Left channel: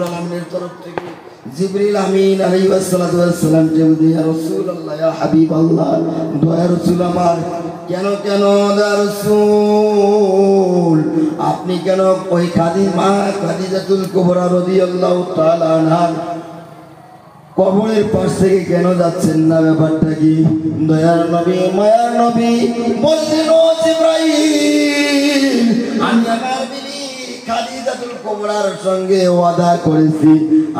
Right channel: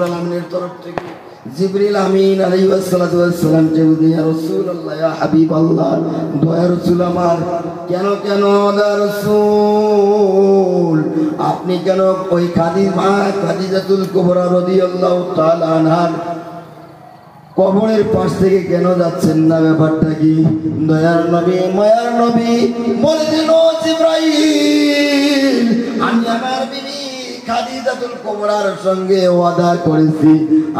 রব্বুল আলামিনের তরফ থেকে জিবরিল আমিন আলাইহিস সালাতু ওয়াস সালাম যে ইয়া রাসূলুল্লাহ ইয়া হাবিবাল্লাহ দয়া রাসূল আমার কেন দয়া রাসূল আপনি কেন ওই খাদিজাতুল কুবরা রাদিয়াল্লাহু তাআলা আনহার কবরের পাশ থেকে কেন যাচ্ছেন না? ব্যাপারটা কি? দয়ার নবী মায়ার নবী বলছেন ও জিবরাইল আমি আমার বিবি খাদিজাতুল কুবরার সঙ্গে ওয়াদা করেছি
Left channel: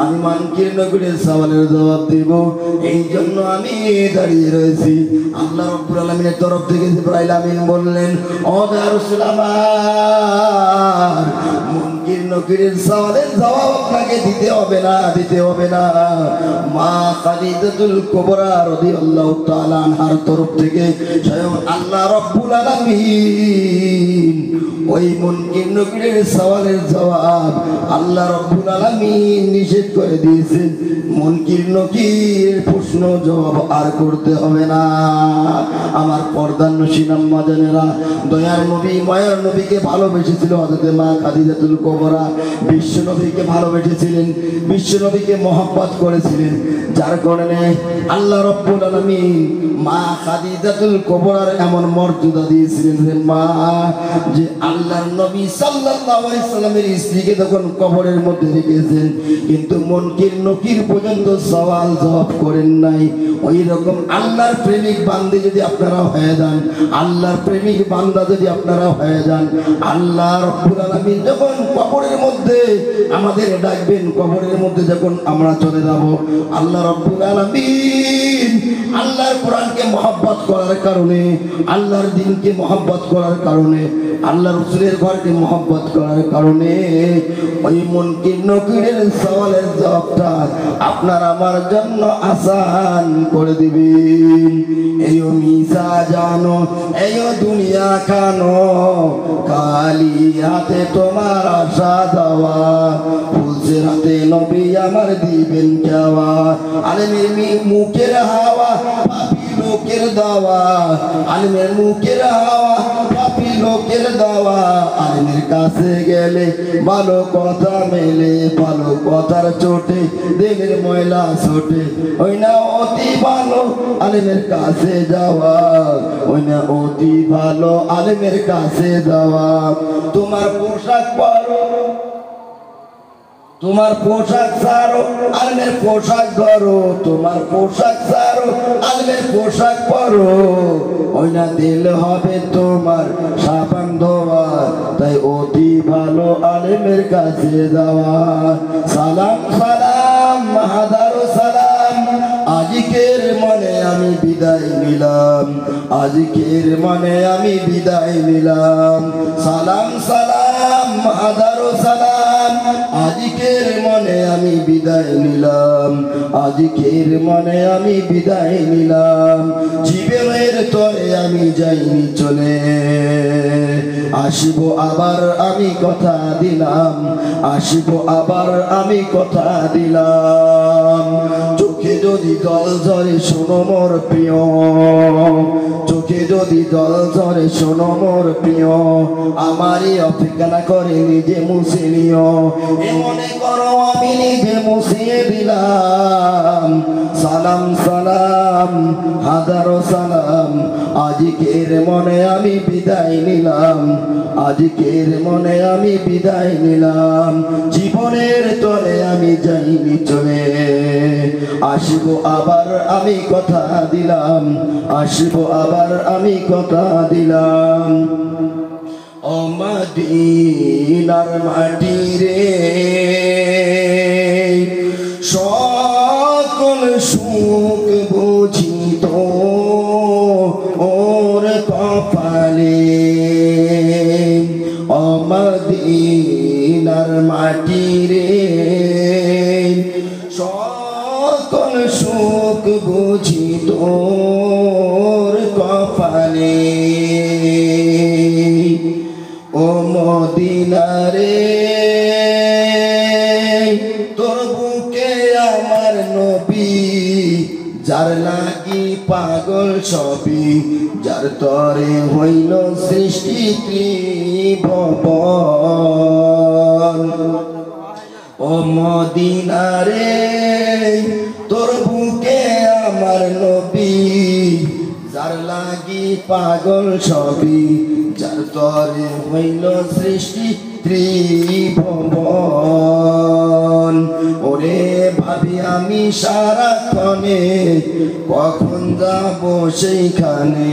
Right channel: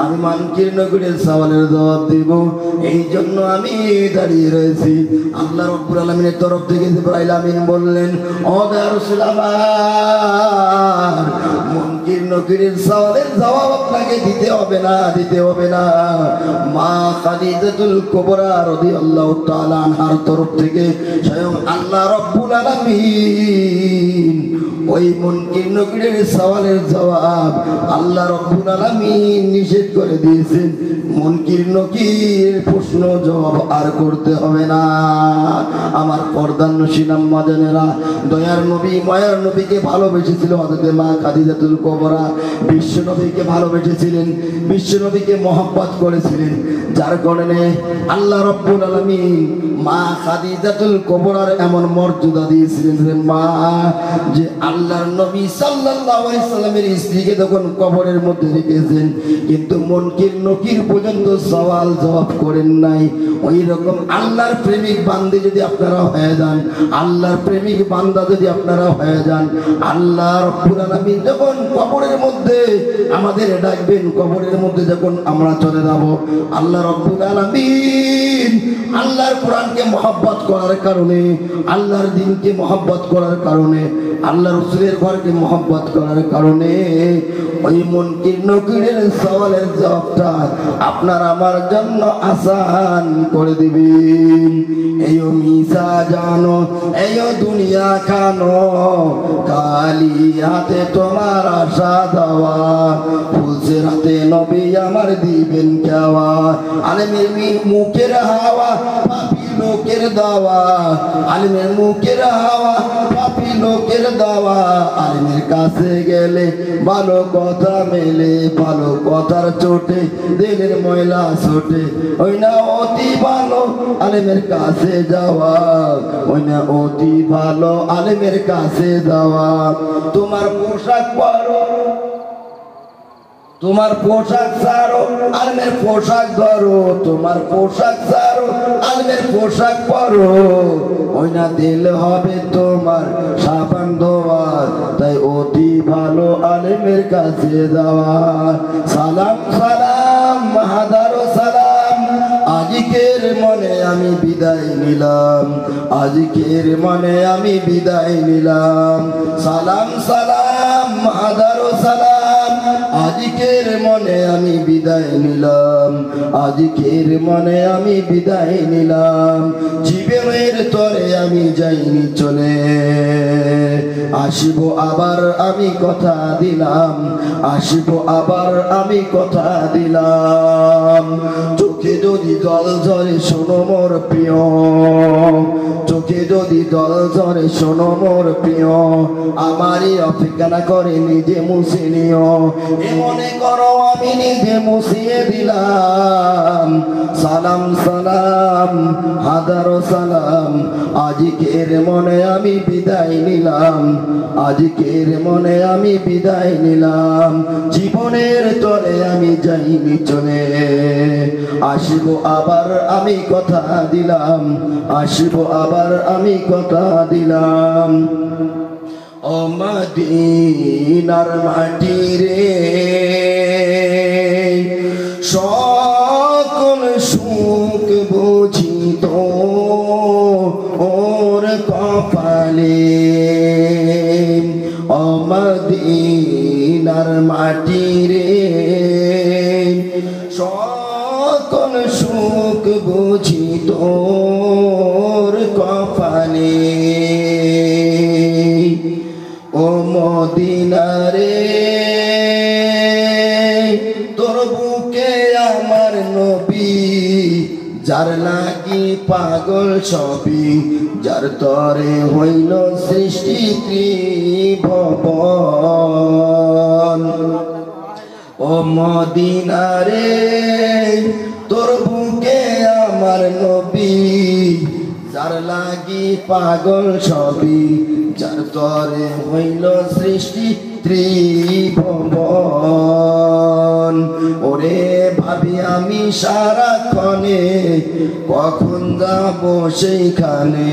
আর মানকির নগরের সওয়ালের জবাব দেব, এই জন্য আমি দাঁড়িয়ে রয়েছি। আল্লাহ রাব্বুল আলামিনের তরফ থেকে জিবরাইল আমিন বললেন ও দয়ার রাসূল আমার মুনকির নগরের সওয়ালের জবাব আপনাকে দিতে হবে না মা খাদিজাতুল কুবরা রাদিয়াল্লাহু তাআলা আনহার তরফ থেকে স্বয়ং আল্লাহ রাব্বুল আলামিন ওই মুনকির নগরের সওয়ালের জবাব আল্লাহ রাব্বুল আলামিন নিষেধ করে দিয়েছেন। মুনকির নকির প্রশ্ন জবাব আর করতে হবে না। আমার পর্দার নশীন আম্মা জানেরা দয়ার নবী মায়ার নবীকে ভালোবেসেছিল হযরত মা খাদিজাতুল কুবরা, বিশ্ব নবীকে ভালোবেসেছিলেন, বিশ্ব নবীকে মহব্বত করেছিলেন, যার কারণে আল্লাহ রাব্বুল আলামিন মা খাদিজাতুল কুবরার এমন মর্যাদা দিয়েছিলেন মা যে আল্লাহর নবী সাল্লাল্লাহু আলাইহি সাল্লামের স্ত্রীকে যখন কবরের মধ্যে রেখেছেন কিন্তু মুনকির নকির পর্যন্ত সওয়াল জবাব করেন নাই। ওই রকম আল্লাহর প্রেমিক বান্দা যদি আপনারা হয়ে যান, আল্লাহর প্রেমিক বান্দা যদি আপনারা হয়ে যান, আল্লাহ রাব্বুল আলামিন যখন কবরের মধ্যে আমাদের ডাকবেন, কবরের মধ্যে যখন আমরা চলে যাব, আল্লাহ রাব্বুল আলামিন আল্লাহর কোরআনকে মহব্বত করার কারণে, আল্লাহর দ্বীনকে মহব্বত করার কারণে, আল্লাহ রাসূলের ঘরকে মহব্বত করার কারণে ওই মুনকির নকিরের সওয়ালের জবাবটা আপনার আমার জন্য আসান করে দিবেন। এই মিসা জানো এই দুনিয়া খানো কালি হাতে তোমার আশা দেওয়া, ফুলসের হাতে নবী আমার দিবেন কেওয়া, আলেমের মুখের হাওয়া পাপি লোকের দাওয়া, আলেমের মুখের হাওয়া পাপি লোকের দাওয়া, আলেমের কাছে গেলে ভালো কথা মেলে, ভালো কথার চোটে দিলের ময়লা ছোটে, ওই না অতি ভালো আলেমের কাছে যাওয়া, ওই না অতি ভালো আলেমের কাছে যাওয়া। তোমার পোশাক পরো, তোমার পোশাক ছাড়ো আলমের পোশাক ধরো, তোমার পোশাক ছাড়ো আলমের পোশাক পরো, ওই না দিল হবে তোমার সাবান ধোয়া, তাই অতি ভালো আলেমের কাছে যাওয়া। সালাম সালাম হাজারো সালাম আজকের মনে আমি বিদায় নিলাম, আজকের মনে আমি বিদায় নিলাম। সালাম সালাম হাজারো সালাম আজকের মনে আমি বিদায় নিলাম, আজকের মনে আমি বিদায় নিলাম। জীবনের তরে আমি যাইনি চলে, আসবো আবার আমি কথা দিলাম, আসবো আবার আমি কথা দিলাম। চোখে যদি জল ঝরে শোনো মোর প্রিয়, চোখে যদি জল ঝরে শোনো মোর প্রিয়, আমারই অপেক্ষা না করে নিজে মুছে নিও, মনে করো আমি নিজে মুছিয়ে দিলাম। সালাম সালাম হাজারো সালাম আজকের মনে আমি বিদায় নিলাম, আজকের মনে আমি বিদায় নিলাম। জীবনের তরে আমি যাইনি চলে, আসবো আবার আমি কথা দিলাম, আসবো আবার আমি কথা দিলাম। ও মদিনার মাটি রে সকল সুখ বুঝিত ওর কপালে, ও মদিনার মাটি রে সকল সুখ বুঝিত ওর কপালে। ও মদিনারে তোর বুকে আমার নবী, যার লাগি পাগল সবই, যার তরে হইল সৃষ্টি ত্রিভুবন। ও ও মদিনা রে তোর বুকে আমার নবী যার লাগি পাগল সবই যার তরে হইল সৃষ্টি ত্রিভুবন ওরে ভাবি আমি সারাক্ষণে কখন যাব সেইখানে